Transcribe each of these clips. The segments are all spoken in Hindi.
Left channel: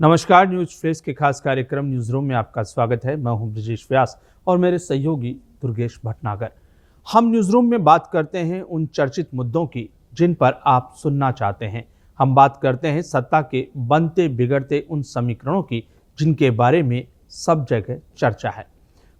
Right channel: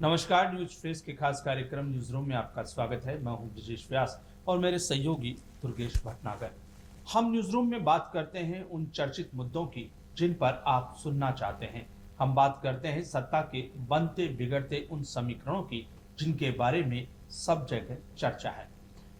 नमस्कार, न्यूज फेस के खास कार्यक्रम न्यूज रूम में आपका स्वागत है। मैं हूं ब्रजेश व्यास और मेरे सहयोगी दुर्गेश भटनागर। हम न्यूज रूम में बात करते हैं उन चर्चित मुद्दों की जिन पर आप सुनना चाहते हैं। हम बात करते हैं सत्ता के बनते बिगड़ते उन समीकरणों की जिनके बारे में सब जगह चर्चा है।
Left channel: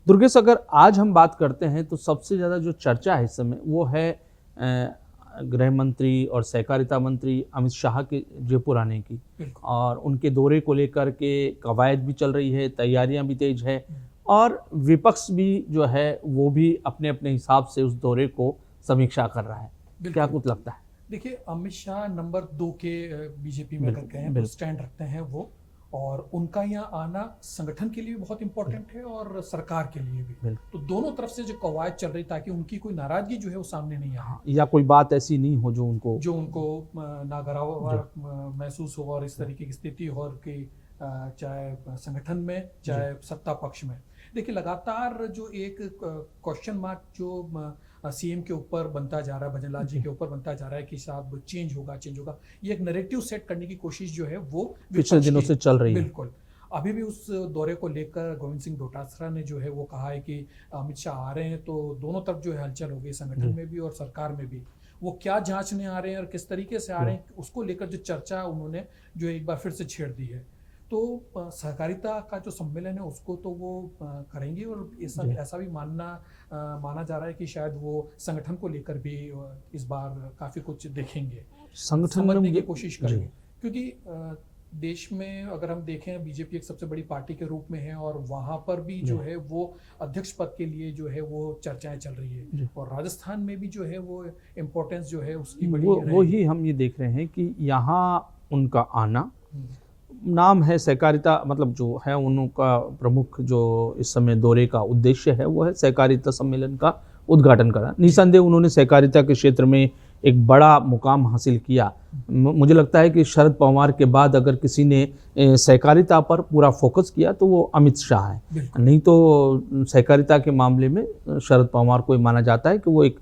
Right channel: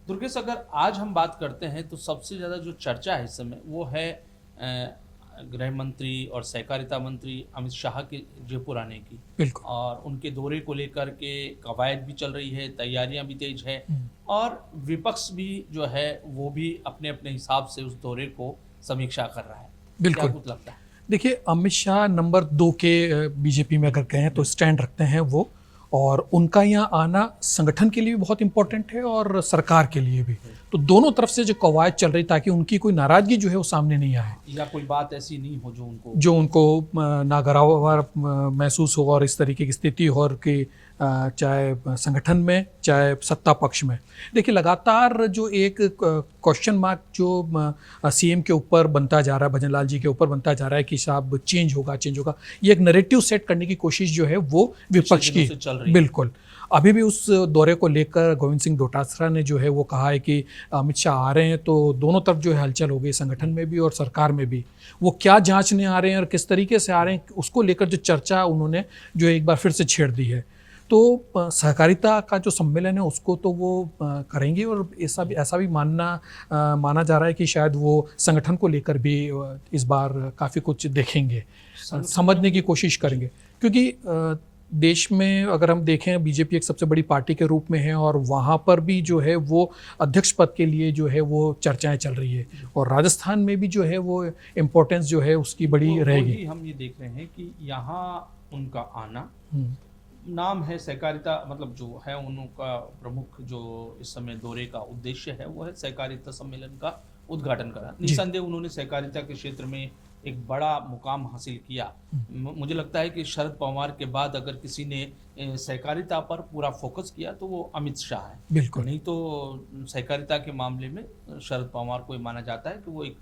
दुर्गेश, अगर आज हम बात करते हैं तो सबसे ज़्यादा जो चर्चा है इस समय वो है गृह मंत्री और सहकारिता मंत्री अमित शाह के जयपुर आने की। बिल्कुल। और उनके दौरे को लेकर के कवायद भी चल रही है, तैयारियां भी तेज है और विपक्ष भी जो है वो भी अपने अपने हिसाब से उस दौरे को समीक्षा कर रहा है। क्या कुछ लगता है? देखिए, अमित शाह नंबर 2 के बीजेपी में अगर कहें तो स्टैंड रखते हैं वो, और उनका यहाँ आना संगठन के लिए भी बहुत इंपॉर्टेंट है और सरकार के लिए भी। तो दोनों तरफ से जो कवायद चल रही ताकि उनकी कोई नाराजगी जो है वो सामने नहीं आए या कोई बात ऐसी नहीं हो जो उनको नागवार महसूस हो और इस तरीके की स्थिति हो और कि चाहे संगठन में चाहे सत्ता पक्ष में। देखिए, लगातार जो एक क्वेश्चन मार्क जो सीएम के ऊपर बनता जा रहा है, भजन लाल जी के ऊपर बनता जा रहा है कि साहब चेंज होगा, ये एक नैरेटिव सेट करने की कोशिश जो है वो विपक्ष की चल रही है। बिल्कुल। अभी भी उस दौरे को लेकर गोविंद सिंह डोटासरा ने जो है वो कहा है कि अमित शाह आ रहे हैं तो दोनों तरफ जो है हलचल हो गई, संगठन में भी और सरकार में भी। वो क्या जांचने आ रहे हैं और किस तरीके से आ रहे हैं उसको लेकर जो चर्चा उन्होंने जो एक बार फिर से छेड़ दी है। तो सहकारिता का जो सम्मेलन है उसको तो वो करेंगे और ऐसा भी माना जा रहा है कि शायद वो संगठन को लेकर भी इस बार काफ़ी कुछ देखेंगे, समझने की कोशिश करेंगे। क्योंकि देश में अगर हम देखें, बीजेपी एक सबसे बड़ी पार्टी के रूप में है और वहाँ पर भी जो है वो अध्यक्ष पद के लिए जो है वो चर्चाएं चल रही है और राजस्थान में भी जो है वो इम्पोर्टेंस जो है उसकी बड़ी रहेगी। वही हम ये देख रहे हैं कि यहाँ उनका आना, नाम है सहकारिता, मतलब जो है उनका प्रमुख जो इस समय दौरे का उद्देश्य है वो है सहकारिता सम्मेलन का उद्घाटन करा। निसंदेह उन्होंने सहकारिता के क्षेत्र में एक बड़ा मुकाम हासिल किया। मुझे लगता है कि शरद पवार के बाद अगर किसी ने सहकारिता पर पूरा फोकस किया तो वो अमित शाह है। नहीं तो सहकारिता के मामले में शरद पवार को माना जाता है कि वो एक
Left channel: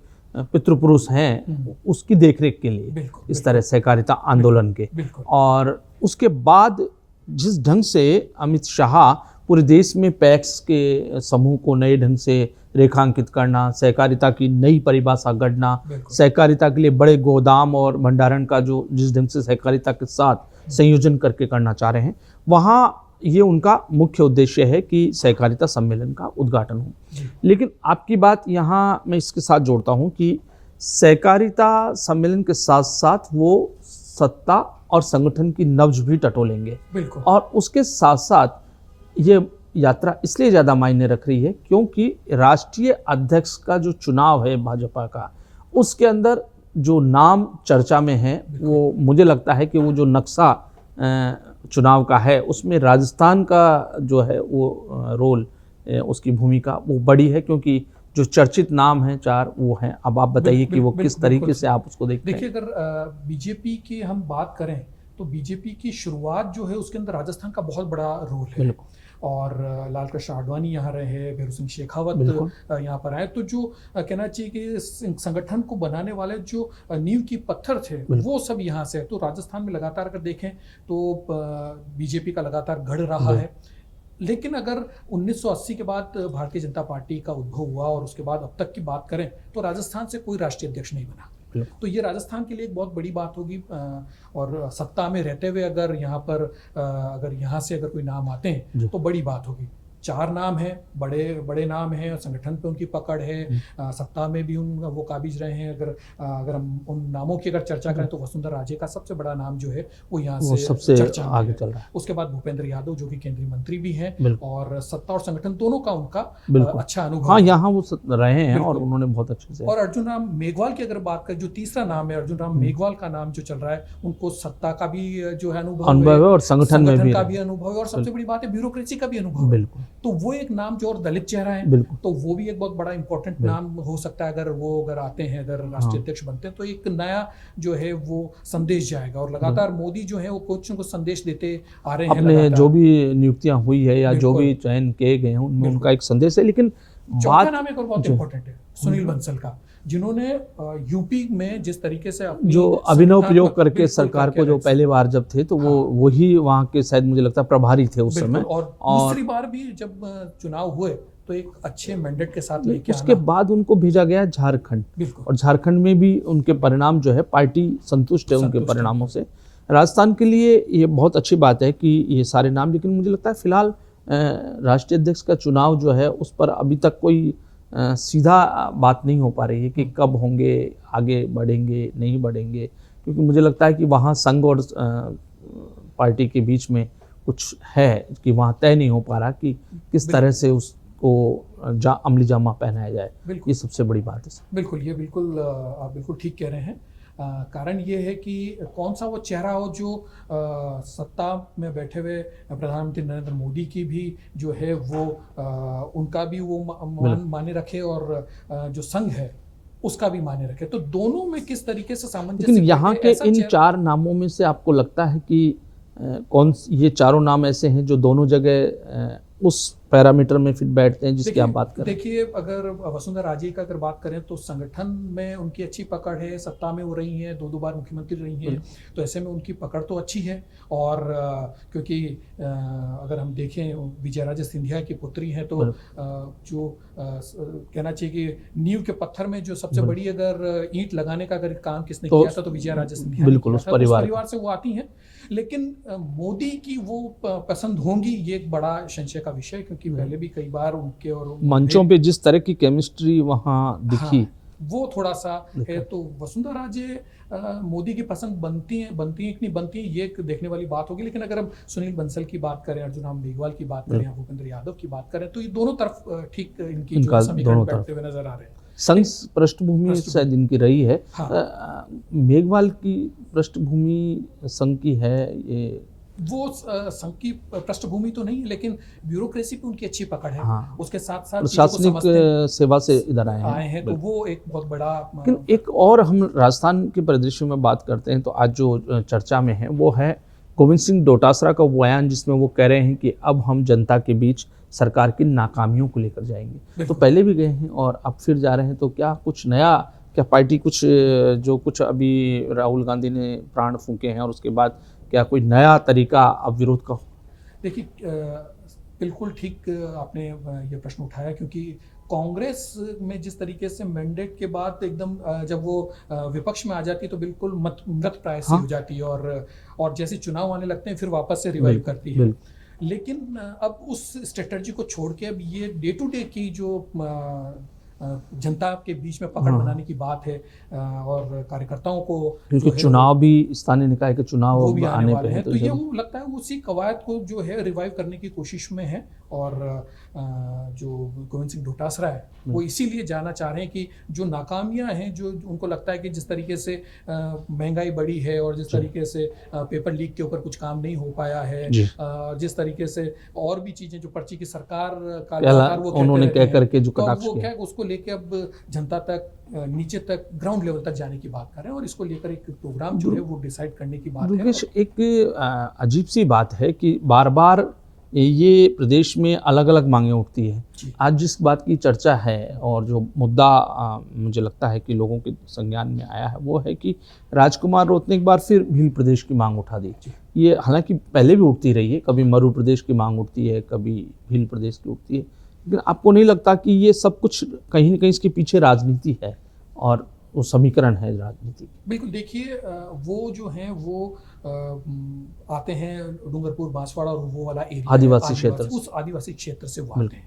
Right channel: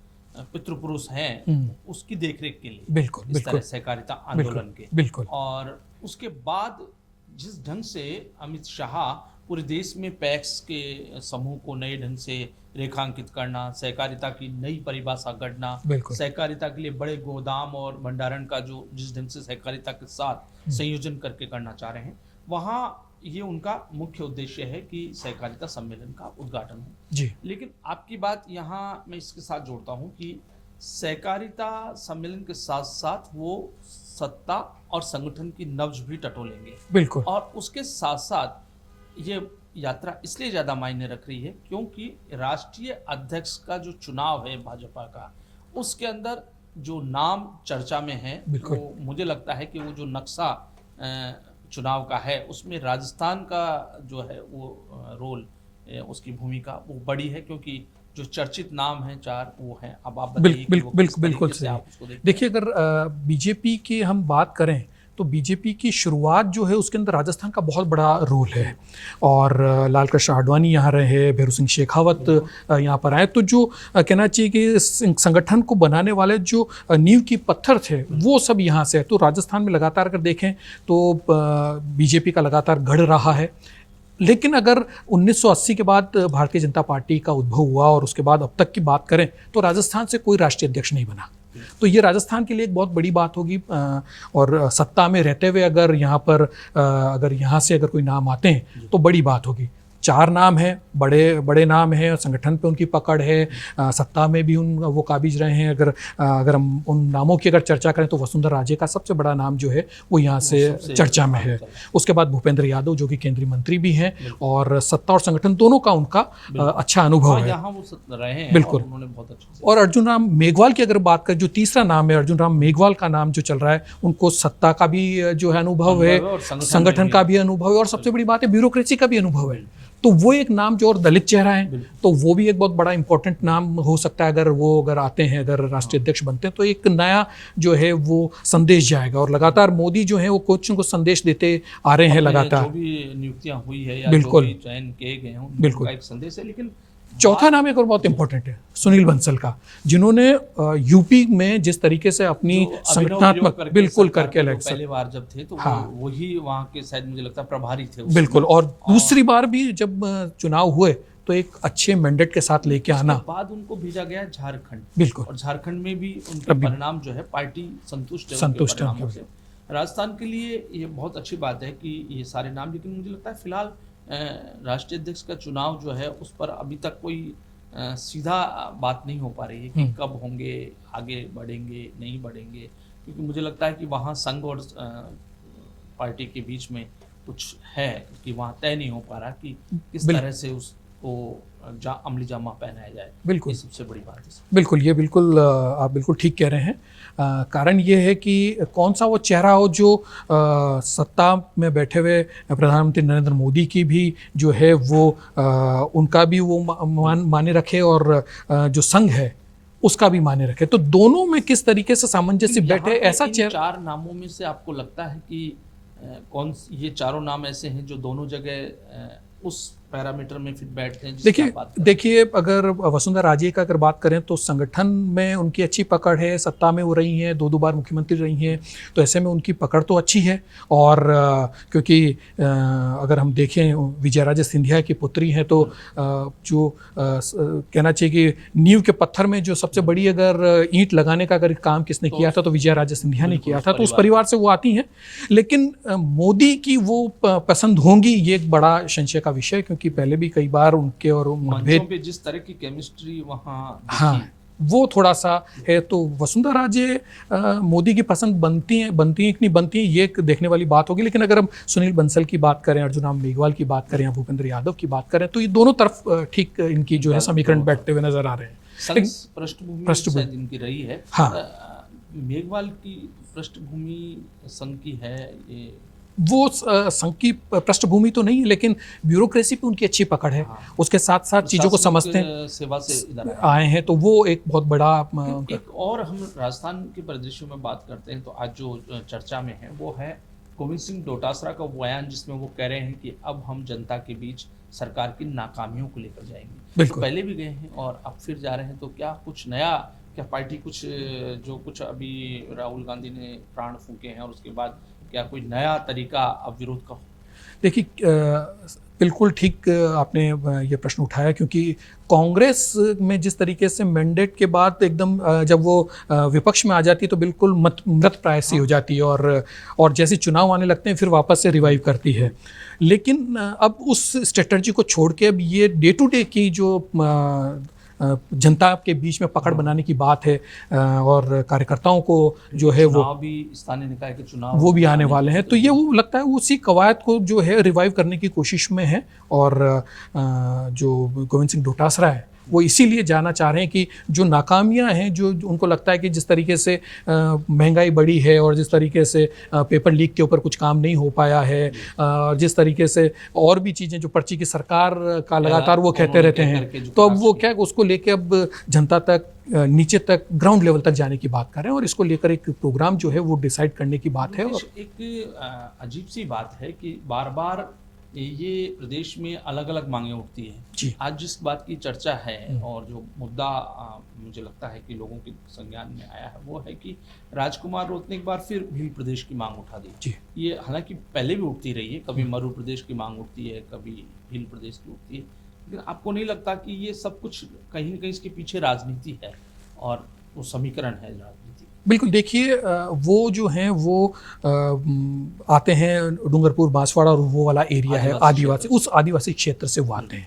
पितृपुरुष हैं उसकी देखरेख के लिए इस तरह सहकारिता आंदोलन के। और उसके बाद जिस ढंग से अमित शाह पूरे देश में पैक्स के समूह को नए ढंग से रेखांकित करना, सहकारिता की नई परिभाषा गढ़ना, सहकारिता के लिए बड़े गोदाम और भंडारण का जो जिस ढंग से सहकारिता के साथ संयोजन करके करना चाह रहे हैं, वहाँ ये उनका मुख्य उद्देश्य है कि सहकारिता सम्मेलन का उद्घाटन हो। लेकिन आपकी बात यहाँ मैं इसके साथ जोड़ता हूँ कि सहकारिता सम्मेलन के साथ साथ वो सत्ता और संगठन की नब्ज भी टटोलेंगे। और उसके साथ साथ ये यात्रा इसलिए ज़्यादा मायने रख रही है क्योंकि राष्ट्रीय अध्यक्ष का जो चुनाव है भाजपा का, उसके अंदर जो नाम चर्चा में है वो मुझे लगता है कि वो जो नक्शा चुनाव का है उसमें राजस्थान का जो है वो रोल, उसकी भूमिका वो बड़ी है क्योंकि जो चर्चित नाम हैं 4 वो हैं। अब आप बताइए कि वो किस तरीके से आप उसको देखते हैं। देखिए, अगर बीजेपी की हम बात करें तो बीजेपी की शुरुआत जो है उसके अंदर राजस्थान का बहुत बड़ा रोल है और लाल कृष्ण आडवाणी यहाँ रहे, भैरू सिंह शेखावत यहाँ पर आए, तो जो कहना चाहिए कि संगठन को बनाने वाले जो नींव की पत्थर थे वो सब यहाँ से है। तो राजस्थान में लगातार अगर देखें तो बीजेपी का लगातार गढ़ रहा है। लेकिन अगर 1980 के बाद भारतीय जनता पार्टी का उद्भव हुआ और उसके बाद अब तक की बात करें तो राजस्थान से कोई राष्ट्रीय अध्यक्ष नहीं बना। तो ये राजस्थान के लिए एक बहुत बड़ी बात होगी और सत्ता में रहते हुए अगर यहाँ पर अगर यहाँ से अगर कोई नाम आते हैं तो बड़ी बात होगी। 4 नाम हैं, बड़े नाम हैं, संगठन पे उनकी पकड़ है, सत्ता में भी वो काबिज रहे हैं। अगर हम उन नामों की अगर चर्चा करें तो वसुंधरा राजे का सबसे बड़ा नाम जो है वो यहाँ से चर्चा में है। उसके बाद भूपेंद्र यादव जो कि केंद्रीय मंत्री भी हैं और सत्ता और संगठन दोनों का उनका अच्छा अनुभव है। यहाँ वो रहे हैं और उन्होंने बहुत अच्छे से। और अर्जुन राम मेघवाल की अगर बात करें, जो तीसरा नाम है अर्जुन राम मेघवाल का नाम जो चल रहा है, उनको सत्ता का भी जो है अनुभव है और संगठन का भी अनुभव है और सबसे बड़ी बात है ब्यूरोक्रेसी का भी अनुभव है। तो वो एक नाम जो और दलित चेहरा है तो वो भी एक बहुत बड़ा इंपॉर्टेंट नाम हो सकता है। अगर आते हैं, अगर राष्ट्रीय अध्यक्ष बनते हैं तो एक नया जो है वो संदेश जाएगा। और लगातार मोदी जो है वो कुछ को संदेश देते आ रहे हैं लगातार। जो भी नियुक्तियां हुई है या जो भी चयन किए गए हैं उनका एक संदेश है। लेकिन चौथा नाम एक और बहुत इंपॉर्टेंट है, सुनील बंसल का, जिन्होंने यूपी में जिस तरीके से अपनी जो अभिनव प्रयोग करके बिल्कुल सरकार करके को जो पहले बार जब थे तो वो वही वहाँ के शायद मुझे लगता है प्रभारी थे उस बिल्कुल, समय। और दूसरी बार भी जब चुनाव हुए तो एक अच्छे मैंडेट के साथ लेके आना। उसके बाद उनको भेजा गया झारखंड, बिल्कुल, और झारखंड में भी उनके परिणाम जो है पार्टी संतुष्ट है उनके परिणामों से। राजस्थान के लिए ये बहुत अच्छी बात है कि ये सारे नाम, लेकिन मुझे लगता है फिलहाल राष्ट्रीय अध्यक्ष का चुनाव जो है उस पर अभी तक कोई सीधा बात नहीं हो पा रही है कि कब होंगे, आगे बढ़ेंगे नहीं बढ़ेंगे, क्योंकि मुझे लगता है कि वहाँ संघ और पार्टी के बीच में कुछ है कि वहाँ तय नहीं हो पा रहा कि किस तरह से उसको अमली जामा पहनाया जाए। बिल्कुल, ये सबसे बड़ी बात है। बिल्कुल, ये बिल्कुल आप बिल्कुल ठीक कह रहे हैं। कारण ये है कि कौन सा वो चेहरा हो जो सत्ता में बैठे हुए प्रधानमंत्री नरेंद्र मोदी की भी जो है वो उनका भी वो माने रखे, और जो संघ है उसका भी माने रखे। तो दोनों में किस तरीके से सामंजस्य बैठे, ऐसा इन चार नामों में से आपको लगता है कि कौन ये चारों नाम ऐसे हैं जो दोनों जगह उस पैरामीटर में फिर बैठते हैं जिसकी आप बात करें? देखिए, अगर वसुंधरा राजे का अगर बात करें तो संगठन में उनकी अच्छी पकड़ है, सत्ता में वो रही हैं, 2 बार मुख्यमंत्री रही हैं, तो ऐसे में उनकी पकड़ तो अच्छी है। और क्योंकि अगर हम देखें विजयाराजे सिंधिया की पुत्री हैं, तो जो कहना चाहिए कि नींव के पत्थर में जो सबसे बड़ी अगर ईंट लगाने का अगर काम किसने किया था तो विजयाराजे सिंधिया ने किया था, तो उस परिवार से वो आती हैं। लेकिन मोदी की वो पसंद होंगी, ये एक बड़ा संशय का विषय, क्योंकि पहले भी कई बार उनके और मंचों पे जिस तरह की केमिस्ट्री वहाँ दिखी, वो थोड़ा सा है। तो वसुंधरा राजे मोदी की पसंद बनती हैं कि नहीं बनती हैं, ये एक देखने वाली बात होगी। लेकिन अगर हम सुनील बंसल की बात करें, अर्जुन राम मेघवाल की बात करें, भूपेंद्र यादव की बात करें, तो ये दोनों तरफ ठीक इनकी जो है समीकरण बैठते हुए नजर आ रहे हैं। संघ पृष्ठभूमि शायद इनकी रही है। मेघवाल की पृष्ठभूमि संघ की है, ये वो संघ की पृष्ठभूमि तो नहीं है, लेकिन ब्यूरोक्रेसी पे उनकी अच्छी पकड़ है। उसके साथ साथ चीजों को समझते हैं, सेवा से इधर आए हैं, तो वो एक बहुत बड़ा। एक और हम राजस्थान के परिदृश्य में बात करते हैं तो आज जो चर्चा में है वो है गोविंद सिंह डोटासरा का बयान, जिसमें वो कह रहे हैं कि अब हम जनता के बीच सरकार की नाकामियों को लेकर जाएंगे। तो पहले भी गए हैं और अब फिर जा रहे हैं, तो क्या कुछ नया, क्या पार्टी कुछ जो कुछ अभी राहुल गांधी ने प्राण फूके हैं और उसके बाद क्या कोई नया तरीका अब विरोध का? देखिए, बिल्कुल ठीक आपने ये प्रश्न उठाया, क्योंकि कांग्रेस में जिस तरीके से मैंडेट के बाद एकदम जब वो विपक्ष में आ जाती है तो बिल्कुल मृत प्राय सी हो जाती है, और जैसे चुनाव आने लगते हैं फिर वापस से रिवाइव करती है। लेकिन अब उस स्ट्रेटजी को छोड़ के अब ये डे टू डे की जो जनता के बीच में पकड़ बनाने की बात है, और कार्यकर्ताओं को जो है चुनाव भी, स्थानीय निकाय के चुनाव वो भी आने वाले हैं, तो ये वो लगता है उसी कवायद को जो है रिवाइव करने की कोशिश में है। और जो गोविंद सिंह डोटासरा है वो इसीलिए जाना चाह रहे हैं कि जो नाकामियां हैं, जो उनको लगता है कि जिस तरीके से महंगाई बढ़ी है और जिस तरीके से पेपर लीक के ऊपर कुछ काम नहीं हो पाया है, जिस तरीके से और भी चीज़ें जो पर्ची की सरकार का लगातार वो कहते रहते हैं, तो अब वो क्या उसको लेके अब जनता तक, नीचे तक, ग्राउंड लेवल तक जाने की बात कर रहे हैं, और इसको लेकर एक प्रोग्राम जो है वो डिसाइड करने की बात है। एक अजीब सी बात है कि बार बार ये प्रदेश में अलग अलग मांगें उठती हैं। आज जिस बात की चर्चा है और जो मुद्दा मुझे लगता है कि लोगों के संज्ञान में आया है वो है कि राजकुमार रोत ने एक बार फिर भील प्रदेश की मांग उठा दी। ये हालांकि पहले भी उठती रही है, कभी मरु प्रदेश की मांग उठती है, कभी भील प्रदेश की उठती है, लेकिन आपको नहीं लगता कि ये सब कुछ कहीं न कहीं इसके पीछे राजनीति है और वो समीकरण है राजनीति? बिल्कुल, देखिए वो जो हैं वो आते हैं डूंगरपुर, बांसवाड़ा और वो वाला एरिया है आदिवासी, उस आदिवासी क्षेत्र से वो आते हैं।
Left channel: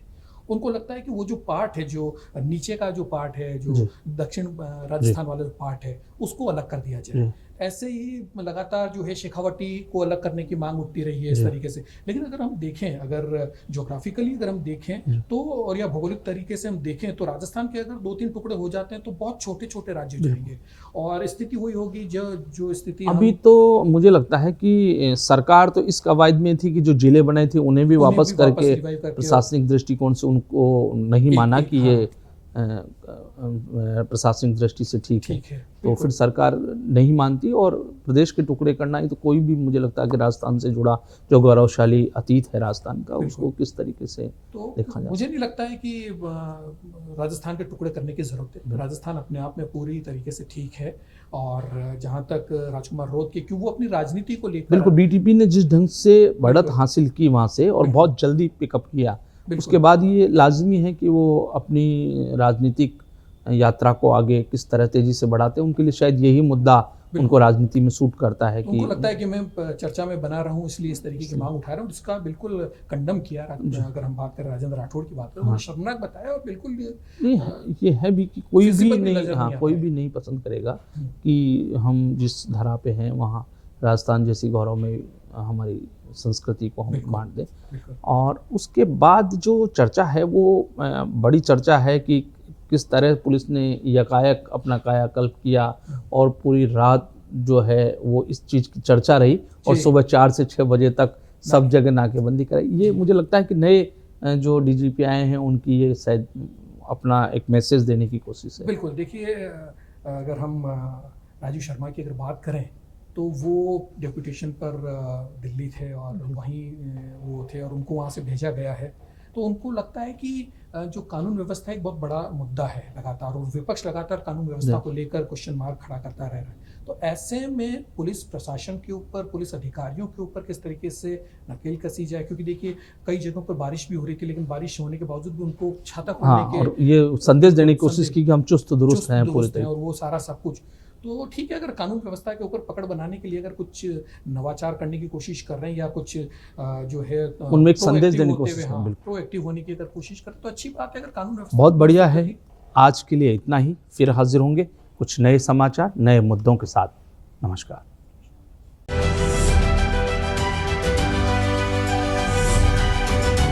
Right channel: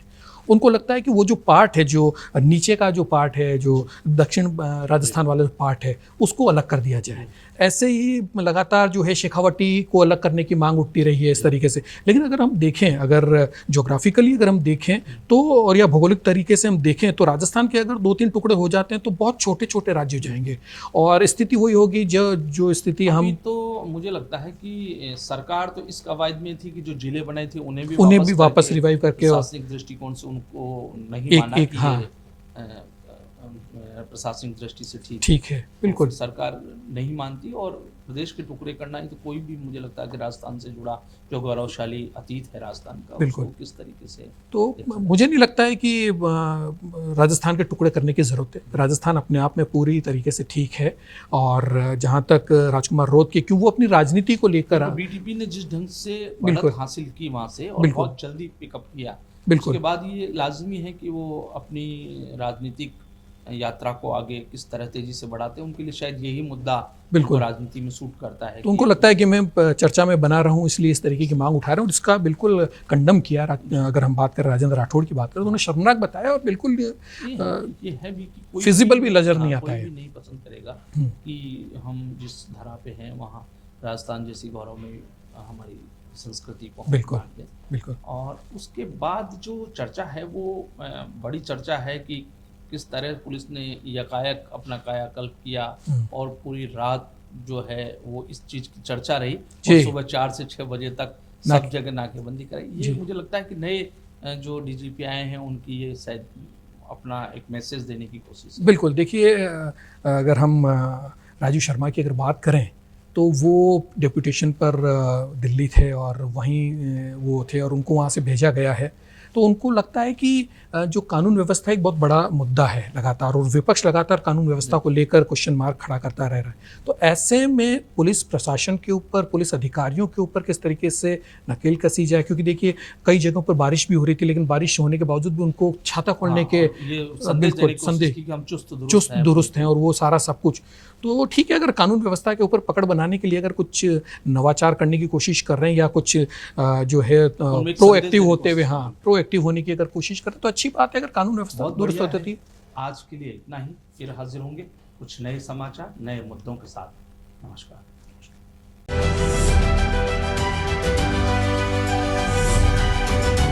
उनको लगता है कि वो जो पार्ट है, जो नीचे का जो पार्ट है, जो दक्षिण राजस्थान वाला पार्ट है, उसको अलग कर दिया जाए। ऐसे ही लगातार जो है शेखावटी को अलग करने की मांग उठती रही है इस तरीके से। लेकिन अगर हम देखें, अगर ज्योग्राफिकली अगर हम देखें तो, और या भौगोलिक तरीके से हम देखें तो राजस्थान के अगर 2-3 टुकड़े हो जाते हैं तो बहुत छोटे छोटे राज्य हो जाएंगे, और स्थिति वही होगी जो स्थिति अभी तो मुझे लगता है कि सरकार तो इस कवायद में थी कि जो जिले बनाए थे उन्हें भी वापस रिवाइव करके प्रशासनिक दृष्टिकोण से उनको नहीं माना कि ये प्रशासनिक दृष्टि से ठीक ठीक है, तो बिल्कुल। फिर सरकार नहीं मानती और प्रदेश के टुकड़े करना ही तो कोई भी मुझे लगता है कि राजस्थान से जुड़ा जो गौरवशाली अतीत है राजस्थान का बिल्कुल। उसको किस तरीके से तो देखा जाए। मुझे नहीं लगता है कि राजस्थान के टुकड़े करने की ज़रूरत है। राजस्थान अपने आप में पूरी तरीके से ठीक है। और जहाँ तक राजकुमार रोध के, क्यों वो अपनी राजनीति को लेकर बिल्कुल, बीटीपी ने जिस ढंग से बढ़त बिल्कुल। हासिल की वहाँ से और बिल्कुल। बहुत जल्दी पिकअप किया, बिल्कुल। उसके बाद ये लाजमी है कि वो अपनी राजनीतिक यात्रा को आगे किस तरह तेजी से बढ़ाते हैं। उनके लिए शायद यही मुद्दा उनको बिल्कुल। राजनीति में सूट करता है तो उनको लगता है कि मैं चर्चा में बना रहा हूँ इसलिए इस तरीके की मांग उठा रहा हूँ, जिसका बिल्कुल कंडम किया। अगर हम बात करें राजेंद्र राठौड़ की बात करें तो उन्होंने शर्मनाक बताया और बिल्कुल ये है भी कि कोई फिजिबल भी नजर नहीं आता कोई है। भी नहीं पसंद करेगा कि हम जिस धरा पे हैं वहाँ राजस्थान जैसी गौरव में हमारी संस्कृति को हम बिल्कुल। बांट दें। बिल्कुल। और उसके बाद जो चर्चा है वो बड़ी चर्चा है कि किस तरह पुलिस ने यकायक अपना कायाकल्प किया और पूरी रात जो है वो इस चीज़ की चर्चा रही और जी। सुबह 4 से 6 बजे तक सब जगह नाकेबंदी कराई। ये जी। मुझे लगता है कि नए जो डीजीपी आए हैं उनकी ये शायद अपना एक मैसेज देने की कोशिश है। बिल्कुल। देखिए, अगर हम राजीव शर्मा की अगर बात करें तो वो डेपुटेशन पर दिल्ली थे और वहीं वो थे और उनको वहाँ से भेजा गया है। तो उनको लगता है कि जो कानून व्यवस्था एक बहुत बड़ा मुद्दा है लगातार, और विपक्ष लगातार कानून व्यवस्था को लेकर क्वेश्चन मार्क खड़ा करता रह रहा है। तो ऐसे में पुलिस प्रशासन के ऊपर, पुलिस अधिकारियों के ऊपर किस तरीके से नकेल कसी जाए, क्योंकि देखिए कई जगहों पर बारिश भी हो रही थी लेकिन बारिश होने के बावजूद भी उनको छाता खोलने के ये संदेश देने की कोशिश की कि हम चुस्त दुरुस्त हैं और वो सारा सब कुछ। तो ठीक है, अगर कानून व्यवस्था के ऊपर पकड़ बनाने के लिए अगर कुछ नवाचार करने की कोशिश कर रहे हैं या कुछ जो है प्रोएक्टिव होते हुए, हाँ, प्रोएक्टिव होने की अगर कोशिश करें तो अच्छी बात है। अगर कानून व्यवस्था बहुत बढ़िया है। आज के लिए इतना ही, फिर हाजिर होंगे कुछ नए समाचार, नए मुद्दों के साथ। नमस्कार।